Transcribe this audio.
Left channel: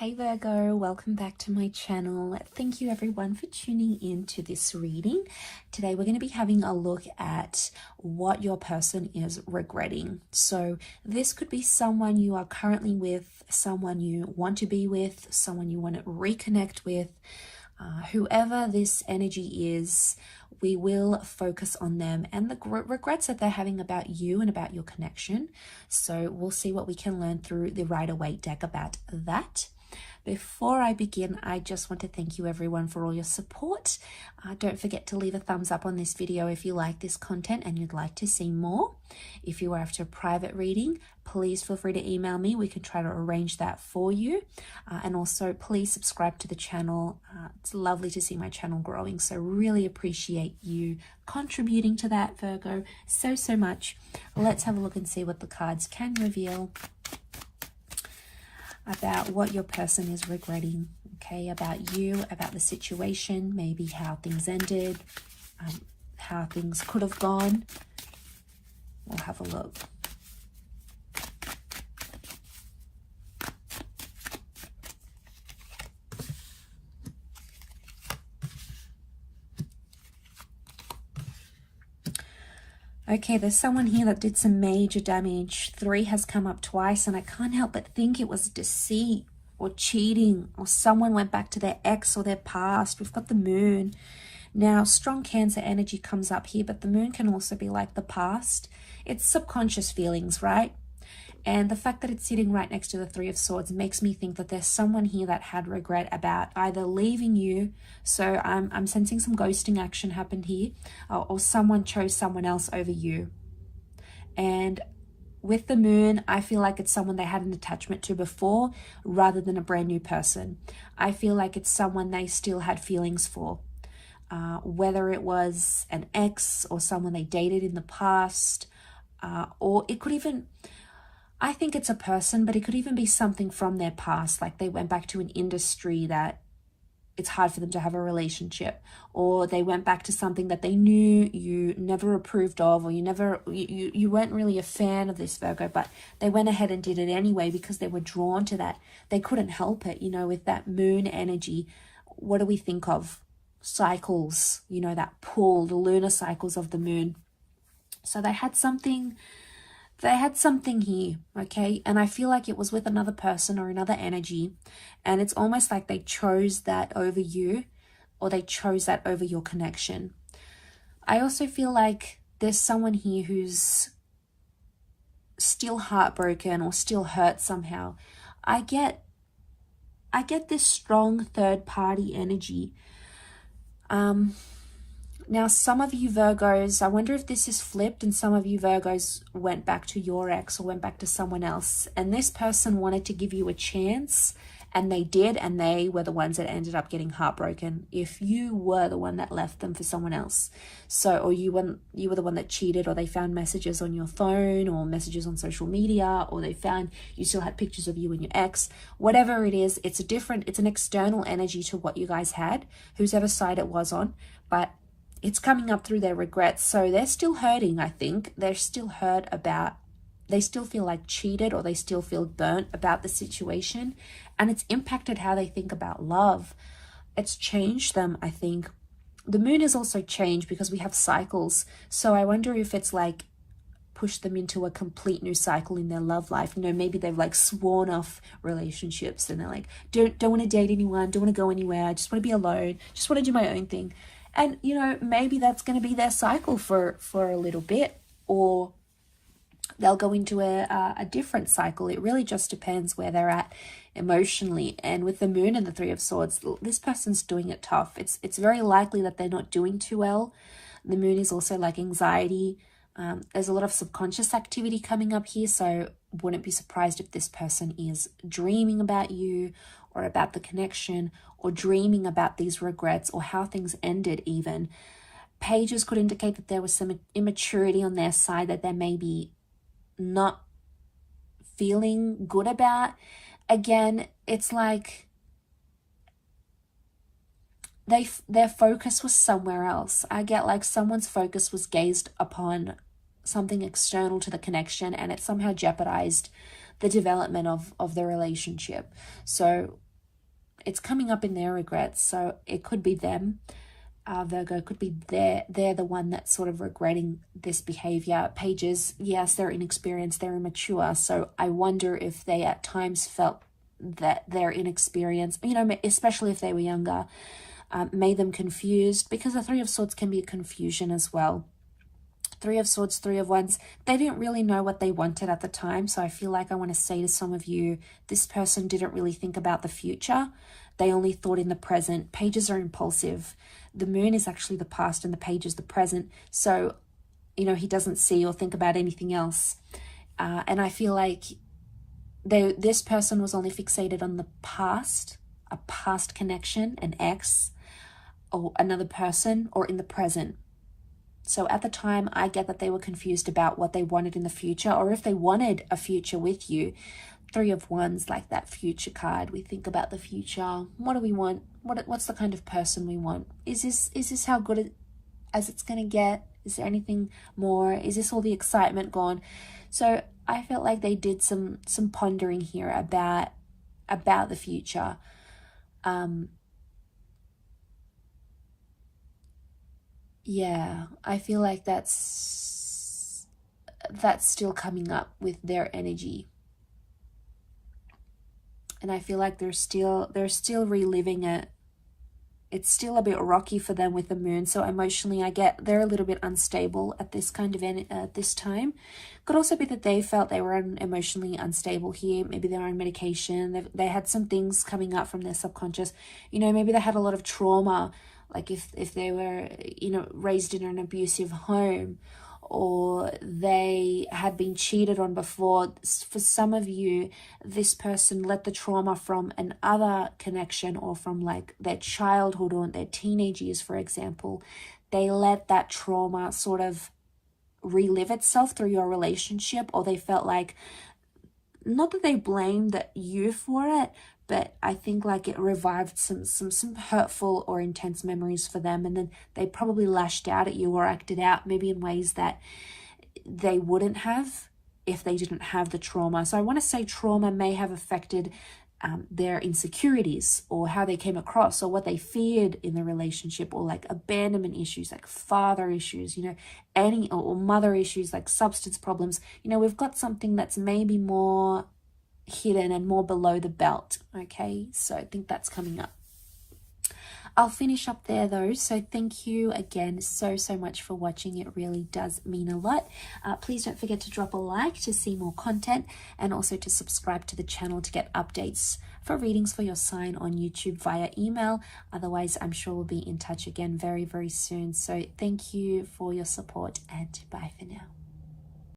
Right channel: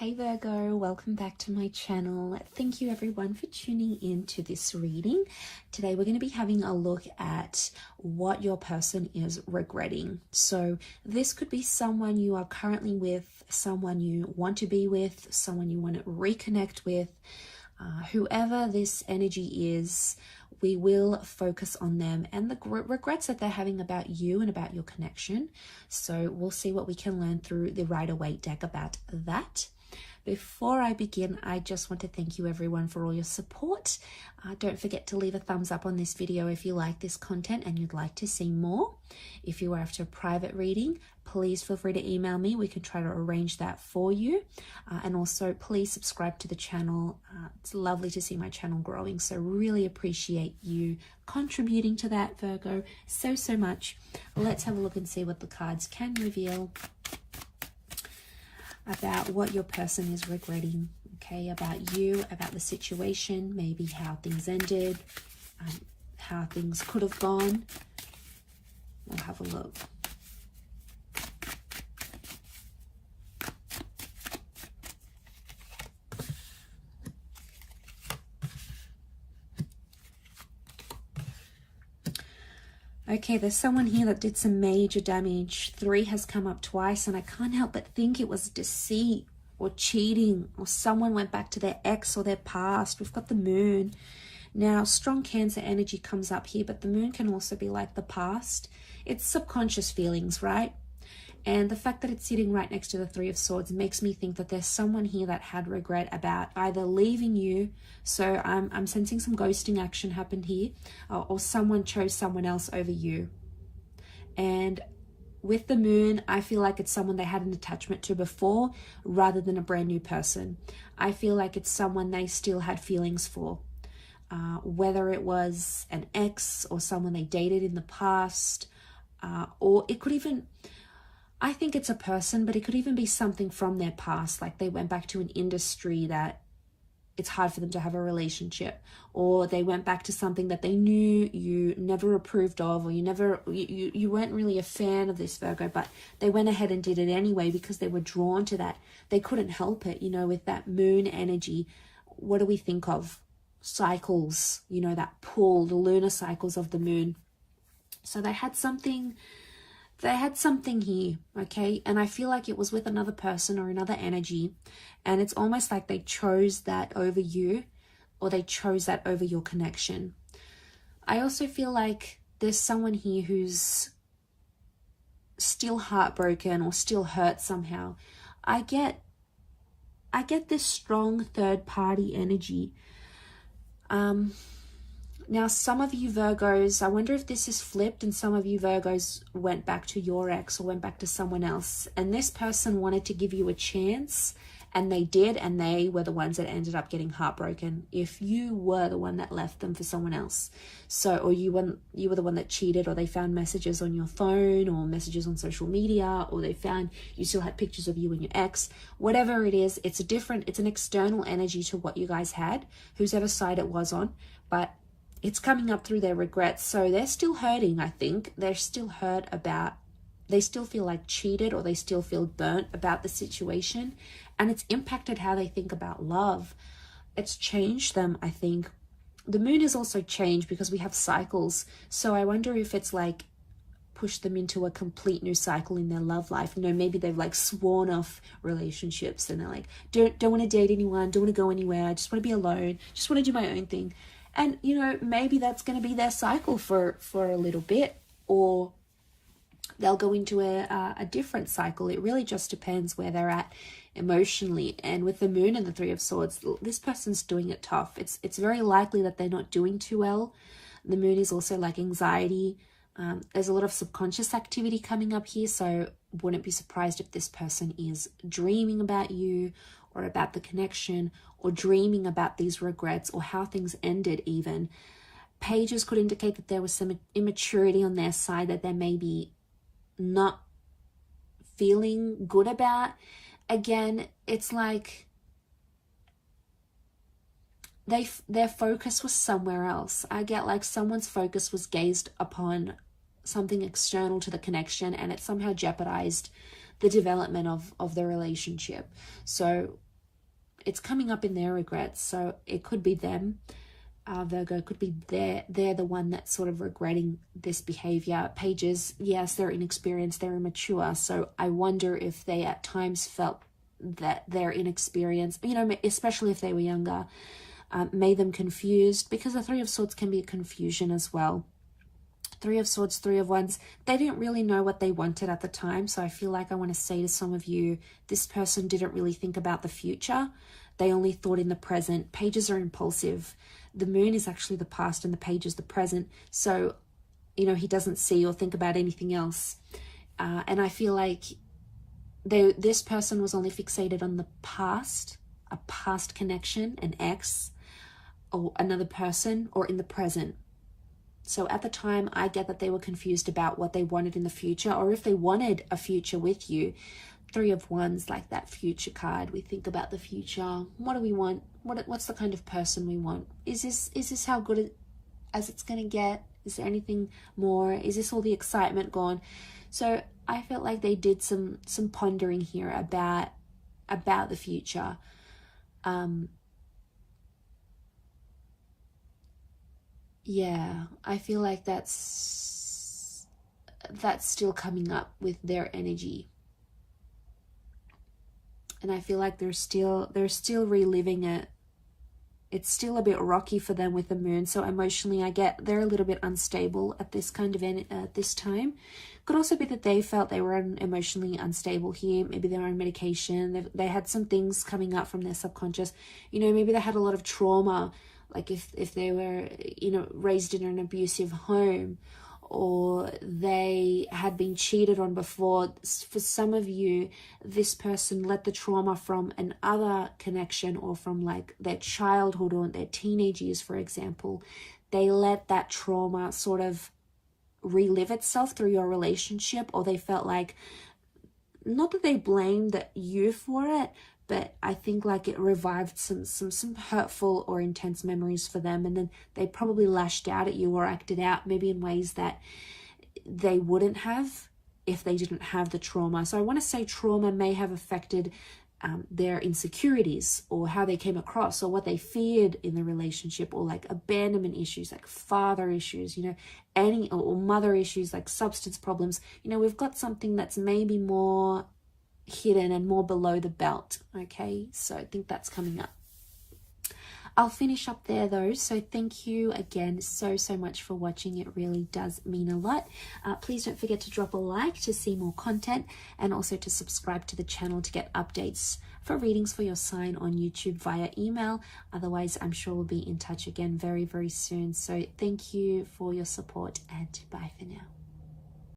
Hey Virgo, welcome back to my channel. Thank you everyone for tuning in to this reading. Today we're going to be having a look at what your person is regretting. So this could be someone you are currently with, someone you want to be with, someone you want to reconnect with. Whoever this energy is, we will focus on them and the regrets that they're having about you and about your connection. So we'll see what we can learn through the Rider-Waite deck about that. Before I begin, I just want to thank you everyone for all your support. Don't forget to leave a thumbs up on this video if you like this content and you'd like to see more. If you are after a private reading, please feel free to email me. We can try to arrange that for you. And also please subscribe to the channel. It's lovely to see my channel growing, so really appreciate you contributing to that, Virgo, so much. Let's have a look and see what the cards can reveal about what your person is regretting, okay, about you, about the situation, maybe how things ended, how things could have gone. We'll have a look. Okay, there's someone here that did some major damage. 3 has come up twice, and I can't help but think it was deceit or cheating, or someone went back to their ex or their past. We've got the moon. Now, strong Cancer energy comes up here, but the moon can also be like the past. It's subconscious feelings, right? And the fact that it's sitting right next to the 3 of Swords makes me think that there's someone here that had regret about either leaving you, so I'm sensing some ghosting action happened here, or someone chose someone else over you. And with the moon, I feel like it's someone they had an attachment to before rather than a brand new person. I feel like it's someone they still had feelings for, whether it was an ex or someone they dated in the past, or it could even... I think it's a person, but it could even be something from their past, like they went back to an industry that it's hard for them to have a relationship, or they went back to something that they knew you never approved of, or you weren't really a fan of this, Virgo, but they went ahead and did it anyway because they were drawn to that. They couldn't help it, you know, with that moon energy. What do we think of? Cycles, you know, that pull, the lunar cycles of the moon. So they had something here, okay? And I feel like it was with another person or another energy, and it's almost like they chose that over you, or they chose that over your connection. I also feel like there's someone here who's still heartbroken or still hurt somehow. I get this strong third party energy. Now, some of you Virgos, I wonder if this is flipped and some of you Virgos went back to your ex or went back to someone else, and this person wanted to give you a chance, and they did, and they were the ones that ended up getting heartbroken if you were the one that left them for someone else. So, or you were the one that cheated, or they found messages on your phone or messages on social media, or they found you still had pictures of you and your ex. Whatever it is, it's an external energy to what you guys had, whoever side it was on, but it's coming up through their regrets. So they're still hurting, I think. They're still hurt about, they still feel like cheated, or they still feel burnt about the situation. And it's impacted how they think about love. It's changed them, I think. The moon has also changed because we have cycles. So I wonder if it's like pushed them into a complete new cycle in their love life. You know, maybe they've like sworn off relationships and they're like, don't want to date anyone, don't want to go anywhere, I just want to be alone, just want to do my own thing. And, you know, maybe that's going to be their cycle for a little bit, or they'll go into a different cycle. It really just depends where they're at emotionally. And with the moon and the 3 of Swords, this person's doing it tough. It's very likely that they're not doing too well. The moon is also like anxiety. There's a lot of subconscious activity coming up here, so wouldn't be surprised if this person is dreaming about you or about the connection, or dreaming about these regrets or how things ended even. Pages could indicate that there was some immaturity on their side that they may be not feeling good about. Again, it's like their focus was somewhere else. I get like someone's focus was gazed upon something external to the connection, and it somehow jeopardized the development of the relationship. So it's coming up in their regrets. So it could be them, Virgo. It could be they're the one that's sort of regretting this behavior. Pages, yes, they're inexperienced, they're immature. So I wonder if they at times felt that their inexperience, you know, especially if they were younger, made them confused, because the Three of Swords can be a confusion as well. Three of Swords, Three of Wands, they didn't really know what they wanted at the time. So I feel like I want to say to some of you, this person didn't really think about the future. They only thought in the present. Pages are impulsive. The moon is actually the past and the page is the present. So, you know, he doesn't see or think about anything else. And I feel like this person was only fixated on the past, a past connection, an ex, or another person, or in the present. So at the time, I get that they were confused about what they wanted in the future, or if they wanted a future with you. Three of Wands, like that future card. We think about the future. What do we want? What's the kind of person we want? Is this how good as it's going to get? Is there anything more? Is this all the excitement gone? So I felt like they did some pondering here about the future. Yeah, I feel like that's still coming up with their energy. And I feel like they're still reliving it. It's still a bit rocky for them with the moon. So emotionally, I get they're a little bit unstable at this kind of this time. Could also be that they felt they were emotionally unstable here. Maybe they're on medication. They had some things coming up from their subconscious. You know, maybe they had a lot of trauma. Like if they were, you know, raised in an abusive home, or they had been cheated on before. For some of you, this person let the trauma from another connection, or from like their childhood or their teenage years, for example. They let that trauma sort of relive itself through your relationship, or they felt like, not that they blamed you for it, but I think like it revived some hurtful or intense memories for them, and then they probably lashed out at you or acted out maybe in ways that they wouldn't have if they didn't have the trauma. So I want to say trauma may have affected their insecurities, or how they came across, or what they feared in the relationship, or like abandonment issues, like father issues, you know, or mother issues, like substance problems. You know, we've got something that's maybe more hidden and more below the belt. Okay, so I think that's coming up. I'll finish up there though. So thank you again so much for watching. It really does mean a lot. Please don't forget to drop a like to see more content, and also to subscribe to the channel to get updates for readings for your sign on YouTube via email. Otherwise, I'm sure we'll be in touch again very soon. So thank you for your support, and bye for now.